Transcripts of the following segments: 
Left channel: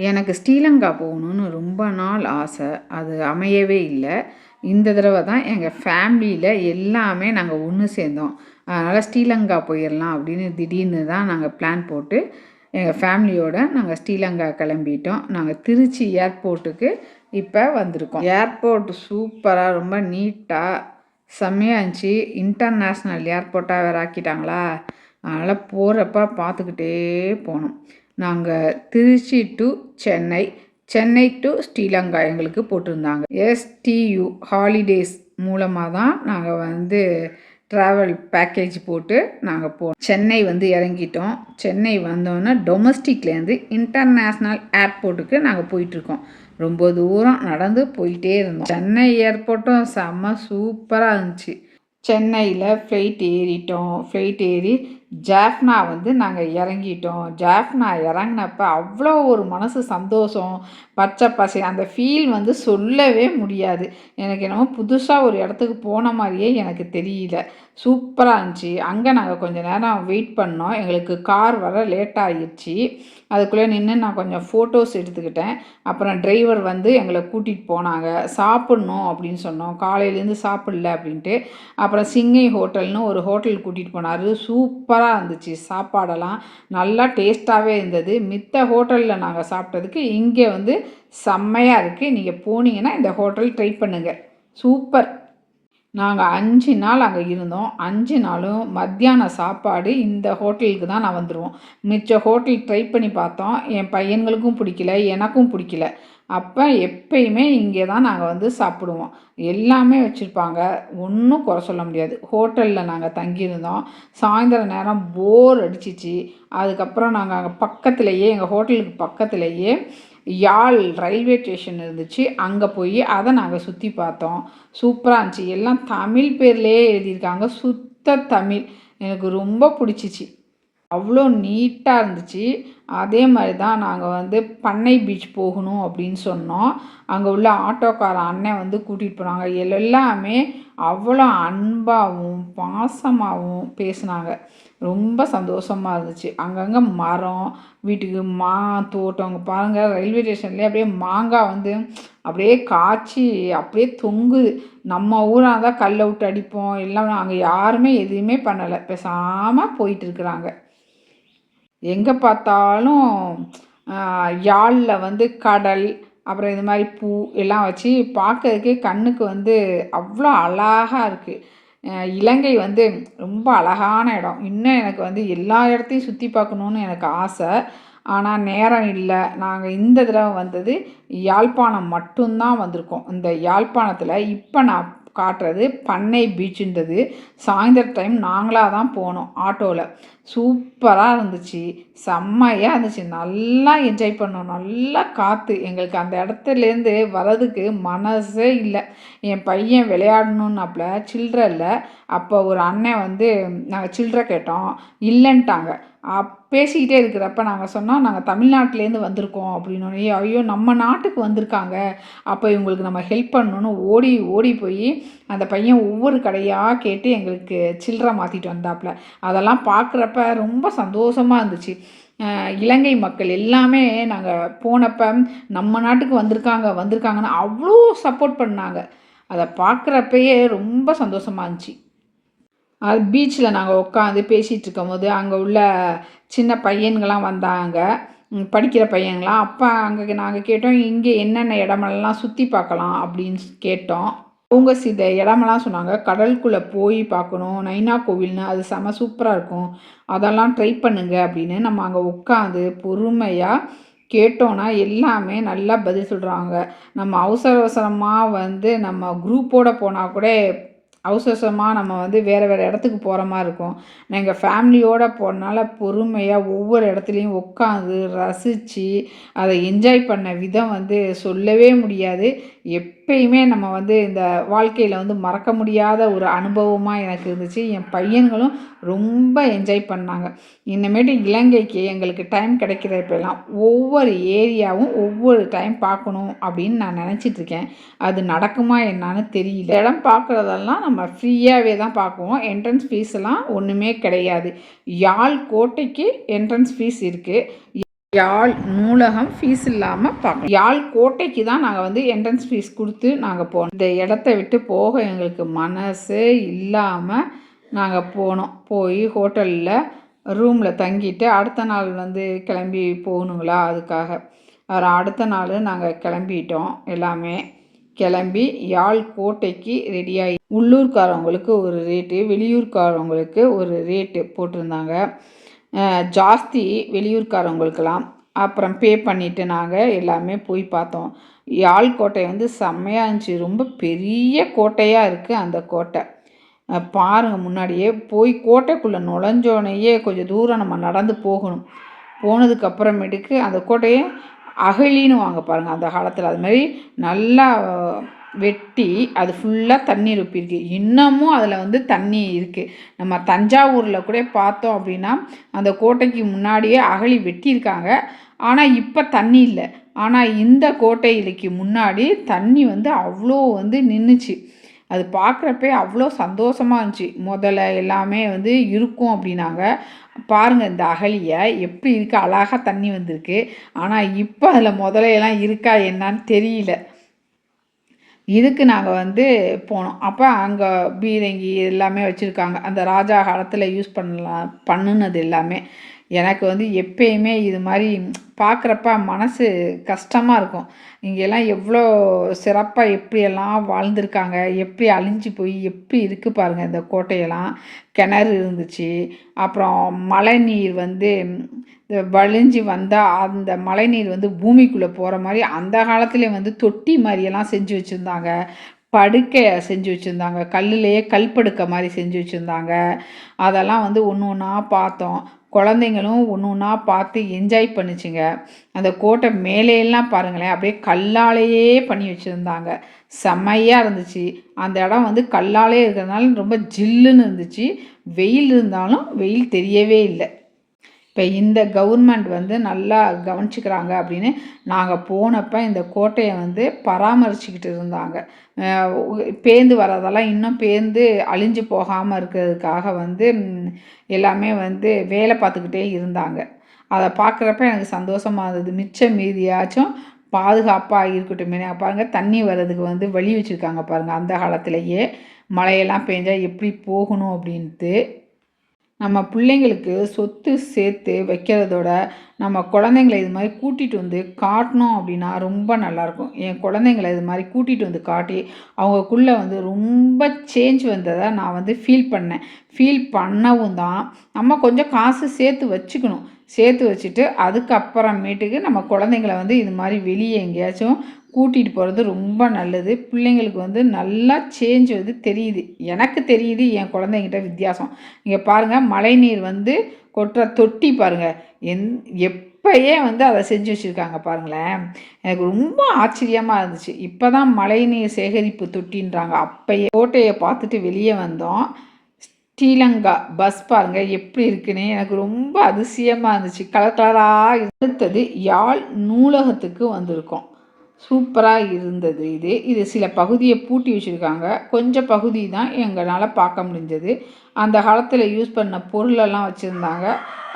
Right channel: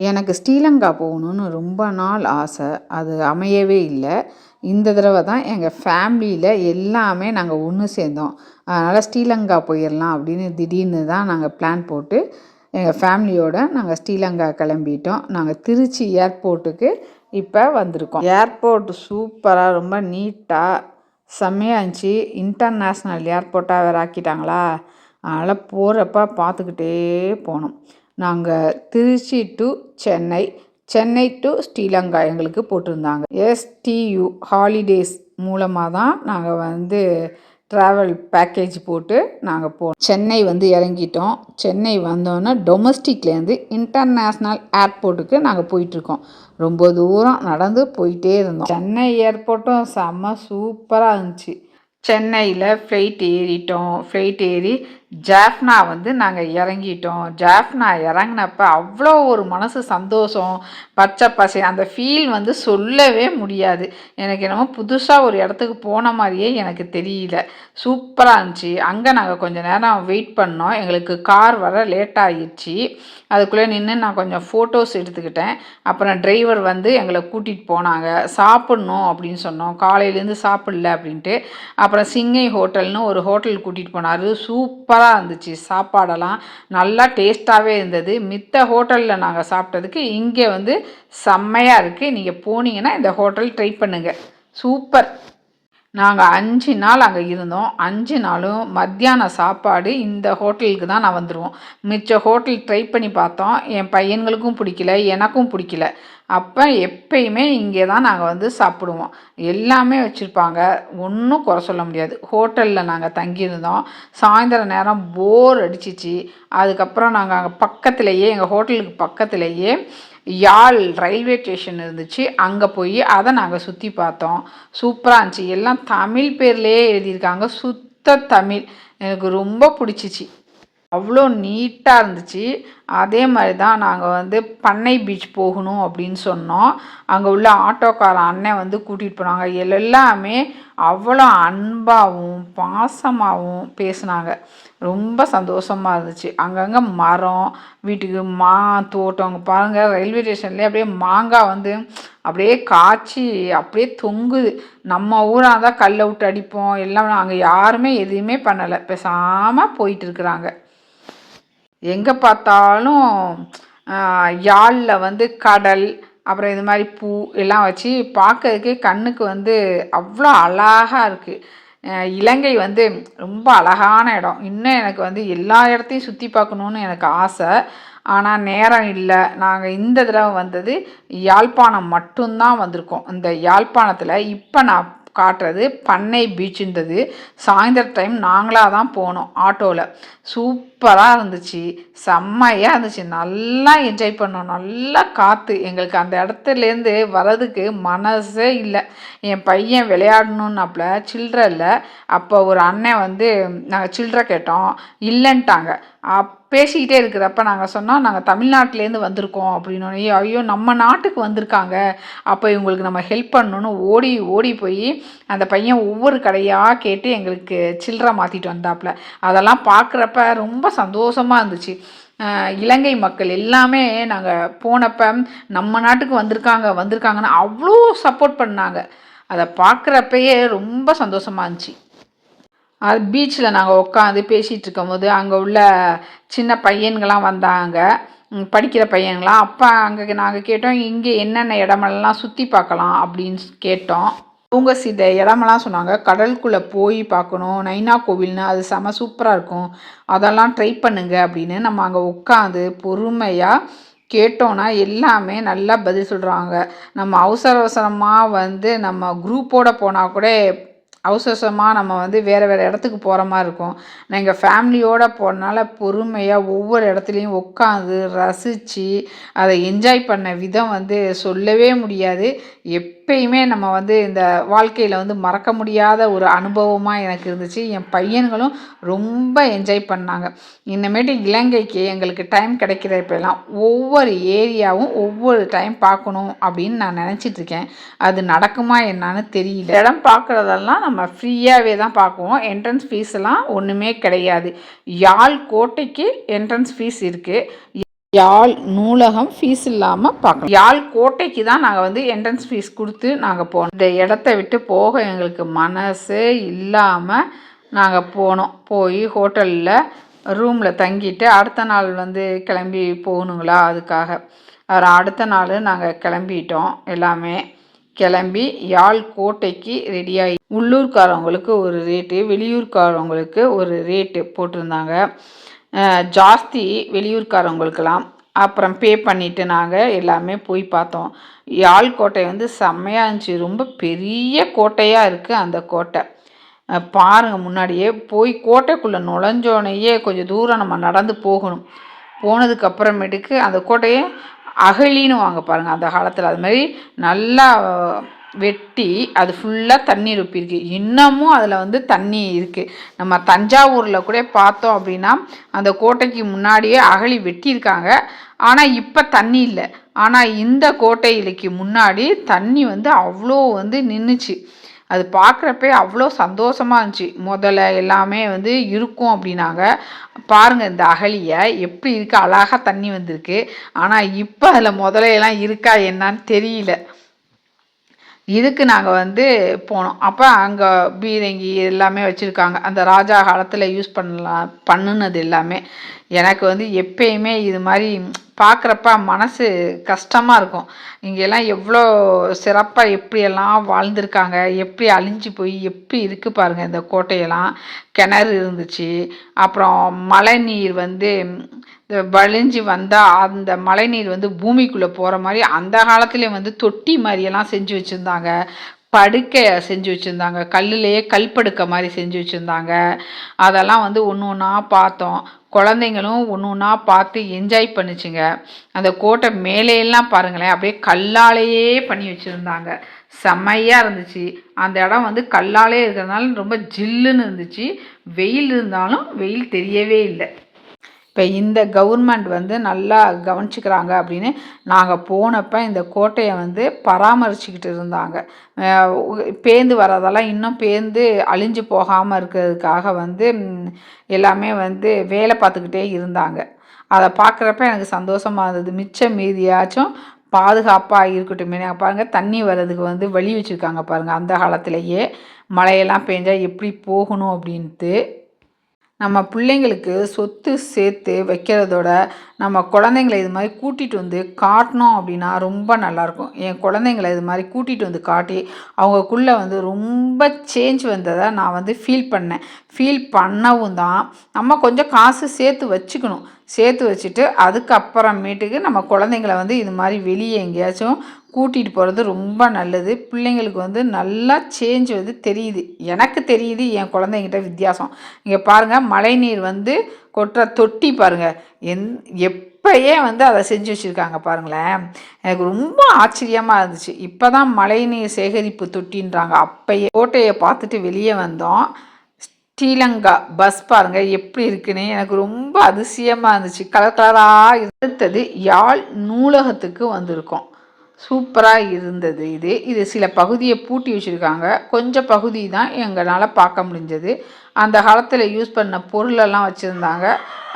எனக்கு ஸ்ரீலங்கா போகணுன்னு ரொம்ப நாள் ஆசை. அது அமையவே இல்லை. இந்த தடவை தான் எங்கள் ஃபேமிலியில் எல்லாமே நாங்கள் ஒன்று சேர்ந்தோம். அதனால் ஸ்ரீலங்கா போயிடலாம் அப்படின்னு திடீர்னு தான் நாங்கள் பிளான் போட்டு எங்கள் ஃபேமிலியோடு நாங்கள் ஸ்ரீலங்கா கிளம்பிட்டோம். நாங்கள் திருச்சி ஏர்போர்ட்டுக்கு இப்போ வந்திருக்கோம். ஏர்போர்ட் சூப்பராக ரொம்ப நீட்டாக செம்மையாக இருந்துச்சு. இன்டர்நேஷ்னல் ஏர்போர்ட்டாக வேறு ஆக்கிட்டாங்களா? அதனால் போகிறப்ப பார்த்துக்கிட்டே போனோம். நாங்கள் திருச்சி டு சென்னை சென்னை டு ஸ்ரீலங்கா எங்களுக்கு போட்டிருந்தாங்க. எஸ்டியு ஹாலிடேஸ் மூலமாக தான் நாங்கள் வந்து ட்ராவல் பேக்கேஜ் போட்டு நாங்கள் போனோம் சென்னை வந்து இறங்கிட்டோம். சென்னை வந்தோன்னே டொமஸ்டிக்லேருந்து இன்டர்நேஷ்னல் ஏர்போர்ட்டுக்கு நாங்கள் போயிட்டுருக்கோம். ரொம்ப தூரம் நடந்து போயிட்டே இருந்தோம். சென்னை ஏர்போர்ட்டும் செம்ம சூப்பராக இருந்துச்சு. சென்னையில் ஃப்ளைட் ஏறிட்டோம். ஃப்ளைட் ஏறி ஜாஃப்னா வந்து நாங்கள் இறங்கிட்டோம். ஜாஃப்னா இறங்கினப்ப அவ்வளோ ஒரு மனசு சந்தோஷம் பச்சை பசை அந்த ஃபீல் வந்து சொல்லவே முடியாது. எனக்கு என்னமோ புதுசாக ஒரு இடத்துக்கு போன மாதிரியே எனக்கு தெரியல. சூப்பராக இருந்துச்சு. அங்கே நாங்கள் கொஞ்சம் நேரம் வெயிட் பண்ணோம். எங்களுக்கு கார் வர லேட் ஆகிடுச்சு அதுக்குள்ளே நின்று நான் கொஞ்சம் ஃபோட்டோஸ் எடுத்துக்கிட்டேன். அப்புறம் டிரைவர் வந்து எங்களை கூட்டிகிட்டு போனாங்க. சாப்பிட்ணும் அப்படின்னு சொன்னோம். காலையிலேருந்து சாப்பிடல அப்படின்ட்டு. அப்புறம் சிங்கை ஹோட்டல்னு ஒரு ஹோட்டல் கூட்டிகிட்டு போனார். சூப்பர் சூப்பராக இருந்துச்சு. சாப்பாடெல்லாம் நல்லா டேஸ்ட்டாகவே இருந்தது. மித்த ஹோட்டலில் நாங்கள் சாப்பிட்டதுக்கு இங்கே வந்து செம்மையாக இருக்குது நீங்கள் போனீங்கன்னா இந்த ஹோட்டல் ட்ரை பண்ணுங்கள் சூப்பர். நாங்கள் அஞ்சு நாள் அங்கே இருந்தோம். அஞ்சு நாளும் மத்தியான சாப்பாடு இந்த ஹோட்டலுக்கு தான் நான் வந்துடுவோம் மிச்ச ஹோட்டல் ட்ரை பண்ணி பார்த்தோம். என் பையன்களுக்கும் பிடிக்கல எனக்கும் பிடிக்கல. அப்போ எப்பயுமே இங்கே தான் நாங்கள் வந்து சாப்பிடுவோம். எல்லாமே வச்சுருப்பாங்க. ஒன்றும் குறை சொல்ல முடியாது. ஹோட்டலில் நாங்கள் தங்கியிருந்தோம். சாயந்தர நேரம் போர் அடிச்சிச்சு. அதுக்கப்புறம் நாங்கள் அங்கே பக்கத்துலேயே எங்கள் ஹோட்டலுக்கு பக்கத்துலேயே யாழ் ரயில்வே ஸ்டேஷன் இருந்துச்சு. அங்கே போய் அதை நாங்கள் சுற்றி பார்த்தோம். சூப்பராக இருந்துச்சு. எல்லாம் தமிழ் பேர்லேயே எழுதியிருக்காங்க. சுத்த தமிழ். எனக்கு ரொம்ப பிடிச்சிச்சு. அவ்வளோ நீட்டாக இருந்துச்சு. அதே மாதிரி தான் நாங்கள் வந்து பண்ணை பீச் போகணும் அப்படின்னு சொன்னோம். அங்கே உள்ள ஆட்டோக்கார அண்ணன் வந்து கூட்டிகிட்டு போனாங்க. எல்லாமே அவ்வளோ அன்பாகவும் பாசமாகவும் பேசினாங்க. ரொம்ப சந்தோஷமாக இருந்துச்சு. அங்கங்கே மரம் வீட்டுக்கு மா தோட்டம். அங்கே பாருங்கள் ரயில்வே ஸ்டேஷன்லேயே அப்படியே மாங்காய் வந்து அப்படியே காய்ச்சி அப்படியே தொங்குது. நம்ம ஊராக இருந்தால் கல்லை விட்டு அடிப்போம். எல்லாம் அங்கே யாருமே எதுவுமே பண்ணலை. பேசாமல் போயிட்டு இருக்கிறாங்க. எங்கே பார்த்தாலும் யாழில் வந்து கடல் அப்புறம் இது மாதிரி பூ எல்லாம் வச்சு பார்க்கறதுக்கே கண்ணுக்கு வந்து அவ்வளோ அழகாக இருக்குது இலங்கை வந்து ரொம்ப அழகான இடம். இன்னும் எனக்கு வந்து எல்லா இடத்தையும் சுற்றி பார்க்கணுன்னு எனக்கு ஆசை. ஆனால் நேரம் இல்லை. நாங்கள் இந்த தடவை வந்தது யாழ்ப்பாணம் மட்டும்தான் வந்திருக்கோம். இந்த யாழ்ப்பாணத்தில் இப்போ நான் காட்டுறது பண்ணை பீச்சுன்றது. சாயந்தரம் டைம் நாங்களாக தான் போனோம் ஆட்டோவில் சூப் சூப்பராக இருந்துச்சு. செம்மையாக இருந்துச்சு. நல்லா என்ஜாய் பண்ணோம். நல்லா காற்று எங்களுக்கு அந்த இடத்துலேருந்து வர்றதுக்கு மனசே இல்லை. என் பையன் விளையாடணுன்னாப்புல சில்லற இல்லை அப்போ ஒரு அண்ணன் வந்து நாங்கள் சில்ட்ர கேட்டோம். இல்லைன்ட்டாங்க. அப் பேசிக்கிட்டே இருக்கிறப்ப நாங்கள் சொன்னோம் நாங்கள் தமிழ்நாட்டிலேருந்து வந்திருக்கோம். அப்படின்னு ஐயோ நம்ம நாட்டுக்கு வந்திருக்காங்க. அப்போ இவங்களுக்கு நம்ம ஹெல்ப் பண்ணணும்னு ஓடி ஓடி போய் அந்த பையன் ஒவ்வொரு கடையாக கேட்டு எங்களுக்கு சில்லற மாற்றிட்டு வந்தாப்புல அதெல்லாம் பார்க்குறப்ப ரொம்ப சந்தோஷமாக இருந்துச்சு இலங்கை மக்கள் எல்லாமே நாங்கள் போனப்போ நம்ம நாட்டுக்கு வந்திருக்காங்க வந்திருக்காங்கன்னு அவ்வளோ சப்போர்ட் பண்ணாங்க. அதை பார்க்குறப்பயே ரொம்ப சந்தோஷமாக இருந்துச்சு அது பீச்சில் நாங்கள் உட்காந்து பேசிகிட்டு இருக்கும்போது அங்கே உள்ள சின்ன பையன்கள்லாம் வந்தாங்க. படிக்கிற பையன்களாம் அப்போ அங்கே நாங்கள் கேட்டோம் இங்கே என்னென்ன இடமெல்லாம் சுற்றி பார்க்கலாம் அப்படின்னு கேட்டோம். அவங்க சில இடமெல்லாம் சொன்னாங்க கடலுக்குள்ளே போய் பார்க்கணும் நைனா கோவில்னு அது செம சூப்பராக இருக்கும். அதெல்லாம் ட்ரை பண்ணுங்க அப்படின்னு நம்ம அங்கே உட்காந்து பொறுமையாக கேட்டோன்னா எல்லாமே நல்லா பதில் சொல்கிறாங்க நம்ம அவசர அவசரமாக வந்து நம்ம குரூப்போடு போனால் கூட அவசரமாக நம்ம வந்து வேறு வேறு இடத்துக்கு போகிற மாதிரி இருக்கும். எங்கள் ஃபேமிலியோடு போகிறனால பொறுமையாக ஒவ்வொரு இடத்துலையும் உட்காந்து ரசித்து அதை என்ஜாய் பண்ண விதம் வந்து சொல்லவே முடியாது. எப்பயுமே நம்ம வந்து இந்த வாழ்க்கையில் வந்து மறக்க முடியாத ஒரு அனுபவமாக எனக்கு இருந்துச்சு. என் பையன்களும் ரொம்ப என்ஜாய் பண்ணாங்க. இனிமேட்டு இலங்கைக்கு எங்களுக்கு டைம் கிடைக்கிறப்பெல்லாம் ஒவ்வொரு ஏரியாவும் ஒவ்வொரு டைம் பார்க்கணும் அப்படின்னு நான் நினச்சிட்ருக்கேன் அது நடக்குமா என்னான்னு தெரியல. இடம் பார்க்குறதெல்லாம் நம்ம நம்ம ஃப்ரீயாகவே தான் பார்க்குவோம். என்ட்ரன்ஸ் ஃபீஸ்லாம் ஒன்றுமே கிடையாது. யாழ் கோட்டைக்கு என்ட்ரன்ஸ் ஃபீஸ் இருக்குது யாழ் நூலகம் ஃபீஸ் இல்லாமல் பார்க்கணும் யாழ் கோட்டைக்கு தான் நாங்கள் வந்து என்ட்ரன்ஸ் ஃபீஸ் கொடுத்து நாங்கள் போனோம். இந்த இடத்த விட்டு போக எங்களுக்கு மனசே இல்லாமல் நாங்கள் போனோம். போய் ஹோட்டலில் ரூமில் தங்கிட்டு அடுத்த நாள் வந்து கிளம்பி போகணுங்களா அதுக்காக. அப்புறம் அடுத்த நாள் நாங்கள் கிளம்பிட்டோம் எல்லாமே. கிளம்பி யாழ் கோட்டைக்கு ரெடியாகி உள்ளூர்காரவங்களுக்கு ஒரு ரேட்டு வெளியூர்காரவங்களுக்கு ஒரு ரேட்டு போட்டிருந்தாங்க. ஜாஸ்தி வெளியூர்காரவங்களுக்கெல்லாம். அப்புறம் பே பண்ணிவிட்டு நாங்கள் எல்லாமே போய் பார்த்தோம். யாழ் கோட்டை வந்து செம்மையாக இருந்துச்சு. ரொம்ப பெரிய கோட்டையாக இருக்குது அந்த கோட்டை. பாருங்கள் முன்னாடியே போய் கோட்டைக்குள்ளே நுழைஞ்சோடனேயே கொஞ்சம் தூரம் நம்ம நடந்து போகணும். போனதுக்கு அப்புறமேட்டுக்கு அந்த கோட்டையை அகழின்னு வாங்க பாருங்கள் அந்த காலத்தில். அது மாதிரி நல்லா வெட்டி அது ஃபுல்லாக தண்ணி ரொப்பியிருக்கு. இன்னமும் அதில் வந்து தண்ணி இருக்குது நம்ம தஞ்சாவூரில் கூட பார்த்தோம் அப்படின்னா அந்த கோட்டைக்கு முன்னாடியே அகழி வெட்டியிருக்காங்க. ஆனால் இப்போ தண்ணி இல்லை. ஆனால் இந்த கோட்டையிலைக்கு முன்னாடி தண்ணி வந்து அவ்வளோ வந்து நின்றுச்சு அது பார்க்குறப்பே அவ்வளோ சந்தோஷமாக இருந்துச்சு. முதல்ல எல்லாமே வந்து இருக்கும் அப்படின்னாங்க. பாருங்கள் இந்த அகலியை எப்படி இருக்குது அழகாக தண்ணி வந்திருக்கு. ஆனால் இப்போ அதில் முதலையெல்லாம் இருக்கா என்னான்னு தெரியல. இதுக்கு நாங்கள் வந்து போனோம். அப்போ அங்கே பீரங்கி எல்லாமே வச்சுருக்காங்க. அந்த ராஜா காலத்தில் யூஸ் பண்ணலாம் பண்ணுனது எல்லாமே. எனக்கு வந்து எப்பயுமே இது மாதிரி பார்க்குறப்ப மனசு கஷ்டமாக இருக்கும். இங்கெல்லாம் எவ்வளோ சிறப்பாக எப்படியெல்லாம் வாழ்ந்திருக்காங்க எப்படி அழிஞ்சு போய் எப்படி இருக்குது பாருங்கள் இந்த கோட்டையெல்லாம். கிணறு இருந்துச்சு. அப்புறம் மழை நீர் வந்து வழிஞ்சு வந்தால் அந்த மழை நீர் வந்து பூமிக்குள்ளே போகிற மாதிரி அந்த காலத்துலேயே வந்து தொட்டி மாதிரியெல்லாம் செஞ்சு வச்சுருந்தாங்க. படுக்கை செஞ்சு வச்சுருந்தாங்க. கல்லுலேயே கல்படுக்கை மாதிரி செஞ்சு வச்சுருந்தாங்க. அதெல்லாம் வந்து ஒன்று ஒன்றா பார்த்தோம். குழந்தைங்களும் ஒன்று ஒன்றா பார்த்து என்ஜாய் பண்ணிச்சுங்க. அந்த கோட்டை மேலேயெல்லாம் பாருங்களேன் அப்படியே கல்லாலேயே பண்ணி வச்சுருந்தாங்க. செம்மையாக இருந்துச்சு. அந்த இடம் வந்து கல்லாலே இருக்கிறதுனால ரொம்ப ஜில்லுன்னு இருந்துச்சு. வெயில் இருந்தாலும் வெயில் தெரியவே இல்லை. இப்போ இந்த கவர்மெண்ட் வந்து நல்லா கவனிச்சிக்கிறாங்க அப்படின்னு நாங்கள் போனப்போ இந்த கோட்டையை வந்து பராமரிச்சுக்கிட்டு இருந்தாங்க. பேந்து வரதெல்லாம் இன்னும் பேந்து அழிஞ்சு போகாமல் இருக்கிறதுக்காக வந்து எல்லாமே வந்து வேலை பார்த்துக்கிட்டே இருந்தாங்க. அதை பார்க்குறப்ப எனக்கு சந்தோஷமாக இருந்தது. மிச்சம் மீதியாச்சும் பாதுகாப்பாக இருக்கட்டும். பாருங்கள் தண்ணி வர்றதுக்கு வந்து வழி வச்சுருக்காங்க பாருங்கள் அந்த காலத்திலேயே. மழையெல்லாம் பெஞ்சால் எப்படி போகணும் அப்படின்ட்டு. நம்ம பிள்ளைங்களுக்கு சொத்து சேர்த்து வைக்கிறதோட நம்ம குழந்தைங்கள இது மாதிரி கூட்டிகிட்டு வந்து காட்டினோம் அப்படின்னா ரொம்ப நல்லாயிருக்கும். என் குழந்தைங்கள இது மாதிரி கூட்டிகிட்டு வந்து காட்டி அவங்கக்குள்ளே வந்து ரொம்ப சேஞ்ச் வந்ததை நான் வந்து ஃபீல் பண்ணேன். ஃபீல் பண்ணவும் தான் நம்ம கொஞ்சம் காசு சேர்த்து வச்சுக்கணும். சேர்த்து வச்சுட்டு அதுக்கப்புறமேட்டுக்கு நம்ம குழந்தைங்கள வந்து இது மாதிரி வெளியே எங்கேயாச்சும் கூட்டிகிட்டு போகிறது ரொம்ப நல்லது. பிள்ளைங்களுக்கு வந்து நல்லா சேஞ்ச் வந்து தெரியுது. எனக்கு தெரியுது என் குழந்தைங்கிட்ட வித்தியாசம். இங்கே பாருங்கள் மழைநீர் வந்து கொட்டுற தொட்டி பாருங்கள் எந் எப்பயே வந்து அதை செஞ்சு வச்சுருக்காங்க பாருங்களேன். எனக்கு ரொம்ப ஆச்சரியமாக இருந்துச்சு. இப்போ தான் மழைநீர் சேகரிப்பு தொட்டின்றாங்க. அப்பயே கோட்டையை பார்த்துட்டு வெளியே வந்தோம். ஸ்ரீலங்கா பஸ் பாருங்கள் எப்படி இருக்குன்னு எனக்கு ரொம்ப அதிசயமாக இருந்துச்சு. கலர் கலராக இருந்தது. யாழ் நூலகத்துக்கு வந்திருக்கோம். சூப்பராக இருந்தது இது. இது சில பகுதியை பூட்டி வச்சுருக்காங்க. கொஞ்சம் பகுதி தான் எங்களால் பார்க்க முடிஞ்சது. அந்த காலத்தில் யூஸ் பண்ண பொருளெல்லாம் வச்சுருந்தாங்க.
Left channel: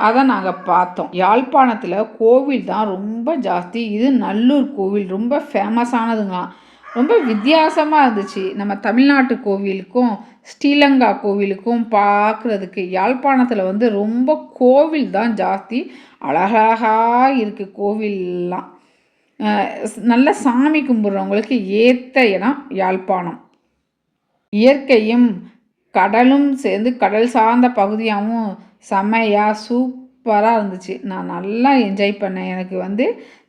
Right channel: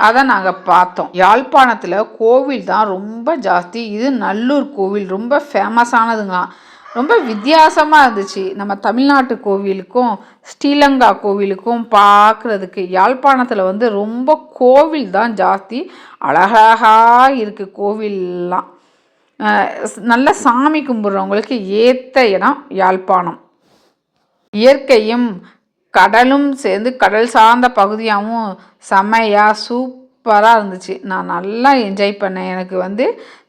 அதை நாங்கள் பார்த்தோம். யாழ்ப்பாணத்தில் கோவில் தான் ரொம்ப ஜாஸ்தி. இது நல்லூர் கோவில். ரொம்ப ஃபேமஸானதுங்களாம் ரொம்ப வித்தியாசமாக இருந்துச்சு. நம்ம தமிழ்நாட்டு கோவிலுக்கும் ஸ்ரீலங்கா கோவிலுக்கும் பார்க்குறதுக்கு. யாழ்ப்பாணத்தில் வந்து ரொம்ப கோவில் தான் ஜாஸ்தி. அழகழகாக இருக்குது கோவில்லாம். நல்ல சாமி கும்பிட்றவங்களுக்கு ஏற்ற இடம் யாழ்ப்பாணம். இயற்கையும் கடலும் சேர்ந்து கடல் சார்ந்த பகுதியாகவும் செமையாக சூப் சூப்பராக இருந்துச்சு. நான் நல்லா என்ஜாய் பண்ணேன். எனக்கு வந்து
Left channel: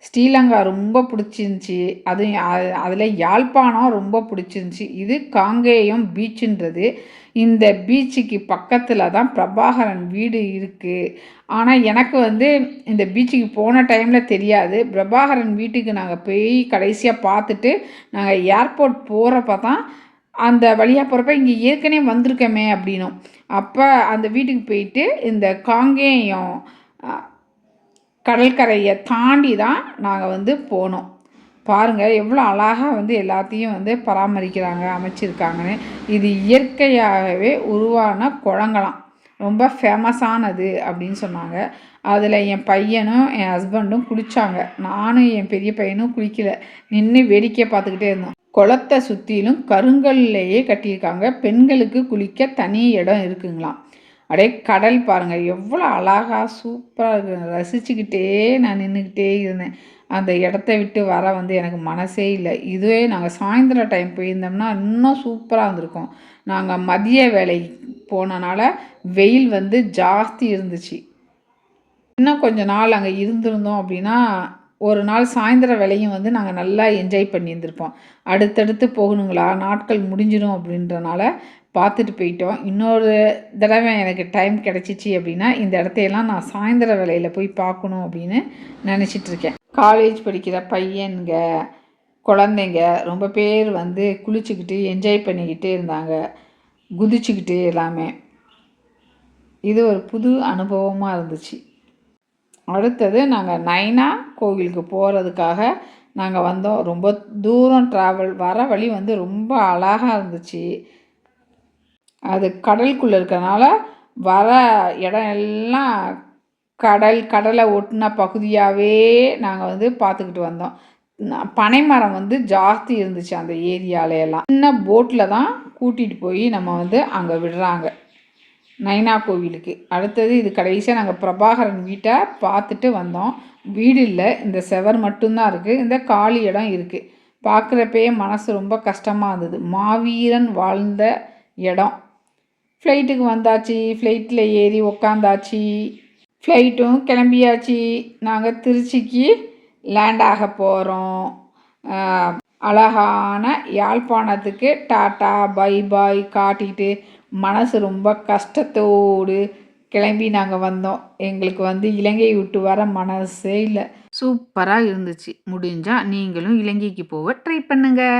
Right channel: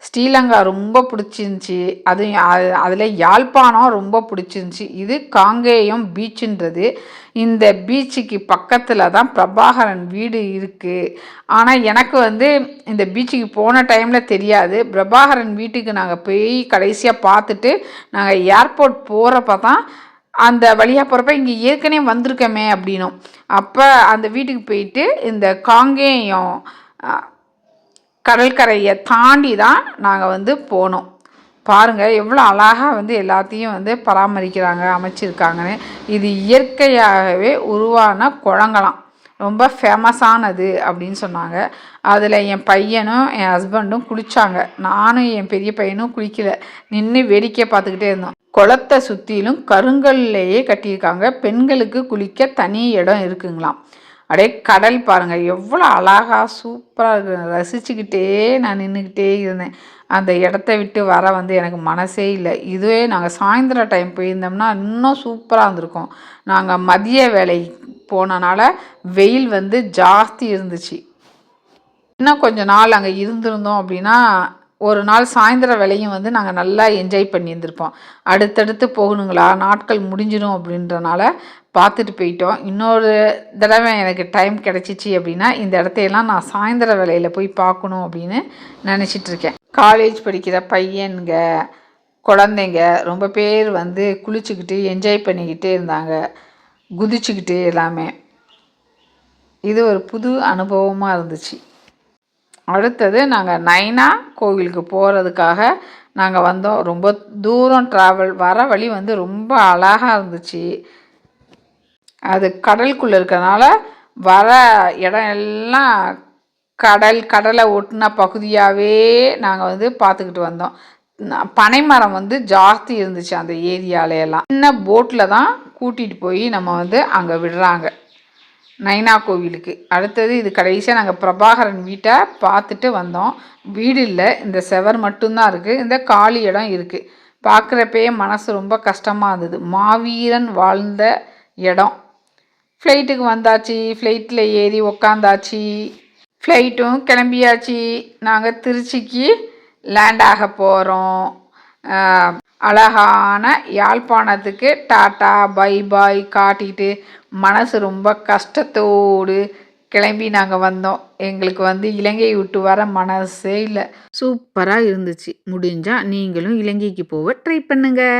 ஸ்ரீலங்கா ரொம்ப பிடிச்சிருந்துச்சி. அதுவும் அதில் யாழ்ப்பாணம் ரொம்ப பிடிச்சிருந்துச்சி. இது காங்கேயம் பீச்சுன்றது. இந்த பீச்சுக்கு பக்கத்தில் தான் பிரபாகரன் வீடு இருக்குது ஆனால் எனக்கு வந்து இந்த பீச்சுக்கு போன டைமில் தெரியாது. பிரபாகரன் வீட்டுக்கு நாங்கள் போய் கடைசியாக பார்த்துட்டு நாங்கள் ஏர்போர்ட் போகிறப்ப தான் அந்த வழியாக போகிறப்ப இங்கே ஏற்கனவே வந்திருக்கமே அப்படின்னும். அப்போ அந்த வீட்டுக்கு போயிட்டு இந்த காங்கேயம் கடற்கரையை தாண்டி தான் நாங்கள் வந்து போனோம். பாருங்கள் எவ்வளோ அழகாக வந்து எல்லாத்தையும் வந்து பராமரிக்கிறாங்க அமைச்சிருக்காங்கன்னு. இது இயற்கையாகவே உருவான குளங்களாம். ரொம்ப ஃபேமஸானது அப்படின்னு சொன்னாங்க. அதில் என் பையனும் என் ஹஸ்பண்டும் குளித்தாங்க நானும் என் பெரிய பையனும் குளிக்கல. நின்று வேடிக்கை பார்த்துக்கிட்டே இருந்தோம். குளத்தை சுற்றிலும் கருங்கல்லையே கட்டியிருக்காங்க. பெண்களுக்கு குளிக்க தனி இடம் இருக்குங்களாம். அப்படியே கடல் பாருங்கள் எவ்வளோ அழகாக சூப்பராக இருக்கு. ரசிச்சுக்கிட்டே நான் நின்றுக்கிட்டே இருந்தேன். அந்த இடத்த விட்டு வர வந்து எனக்கு மனசே இல்லை. இதுவே நாங்கள் சாயந்தர டைம் போயிருந்தோம்னா இன்னும் சூப்பராக இருந்திருக்கும். நாங்கள் மதிய வேலை போனனால வெயில் வந்து ஜாஸ்தி இருந்துச்சு. இன்னும் கொஞ்ச நாள் அங்கே இருந்திருந்தோம் அப்படின்னா ஒரு நாள் சாயந்தர வேலையும் வந்து நாங்கள் நல்லா என்ஜாய் பண்ணியிருந்திருப்போம். அடுத்தடுத்து போகணுங்களா? நாட்கள் முடிஞ்சிடும் அப்படின்றனால பார்த்துட்டு போயிட்டோம். இன்னொரு தடவை எனக்கு டைம் கிடச்சிச்சு அப்படின்னா இந்த இடத்தையெல்லாம் நான் சாயந்தர வேலையில் போய் பார்க்கணும் அப்படின்னு நினச்சிட்ருக்கேன் காலேஜ் படிக்கிற பையனுங்க குழந்தைங்க ரொம்ப பேர் வந்து குளிச்சுக்கிட்டு என்ஜாய் பண்ணிக்கிட்டே இருந்தாங்க. குதிச்சுக்கிட்டு எல்லாமே. இது ஒரு புது அனுபவமாக இருந்துச்சு. அடுத்தது நாங்கள் நைனா கோவிலுக்கு போகிறதுக்காக நாங்கள் வந்தோம். ரொம்ப தூரம் ட்ராவல் வர வழி வந்து ரொம்ப அழகாக இருந்துச்சு. அது கடலுக்குள்ளே இருக்கிறனால வர இடம் எல்லாம் கடல் கடலை ஒட்டின பகுதியாகவே நாங்கள் வந்து பார்த்துக்கிட்டு வந்தோம். பனைமரம் வந்து ஜாஸ்தி இருந்துச்சு அந்த ஏரியாலையெல்லாம். சின்ன போட்டில் தான் கூட்டிகிட்டு போய் நம்ம வந்து அங்கே விடுறாங்க. நைனா கோவிலுக்கு. அடுத்தது இது கடைசியாக நாங்கள் பிரபாகரன் வீட்டை பார்த்துட்டு வந்தோம். வீடு இல்லை இந்த செவர் மட்டும்தான் இருக்குது இந்த காலி இடம் இருக்குது பார்க்குறப்பயே மனசு ரொம்ப கஷ்டமாக இருந்தது. மாவீரன் வாழ்ந்த இடம். ஃப்ளைட்டுக்கு வந்தாச்சு ஃப்ளைட்டில் ஏறி உக்காந்தாச்சு. ஃப்ளைட்டும் கிளம்பியாச்சு. நாங்கள் திருச்சிக்கு லேண்ட் ஆக போகிறோம் அழகான யாழ்ப்பாணத்துக்கு டாட்டா பை பாய் காட்டிட்டு மனசு ரொம்ப கஷ்டத்தோடு கிளம்பி நாங்கள் வந்தோம். எங்களுக்கு வந்து இலங்கையை விட்டு வர மனசே இல்லை. சூப்பராக இருந்துச்சு. முடிஞ்சால் நீங்களும் இலங்கைக்கு போக ட்ரை பண்ணுங்கள்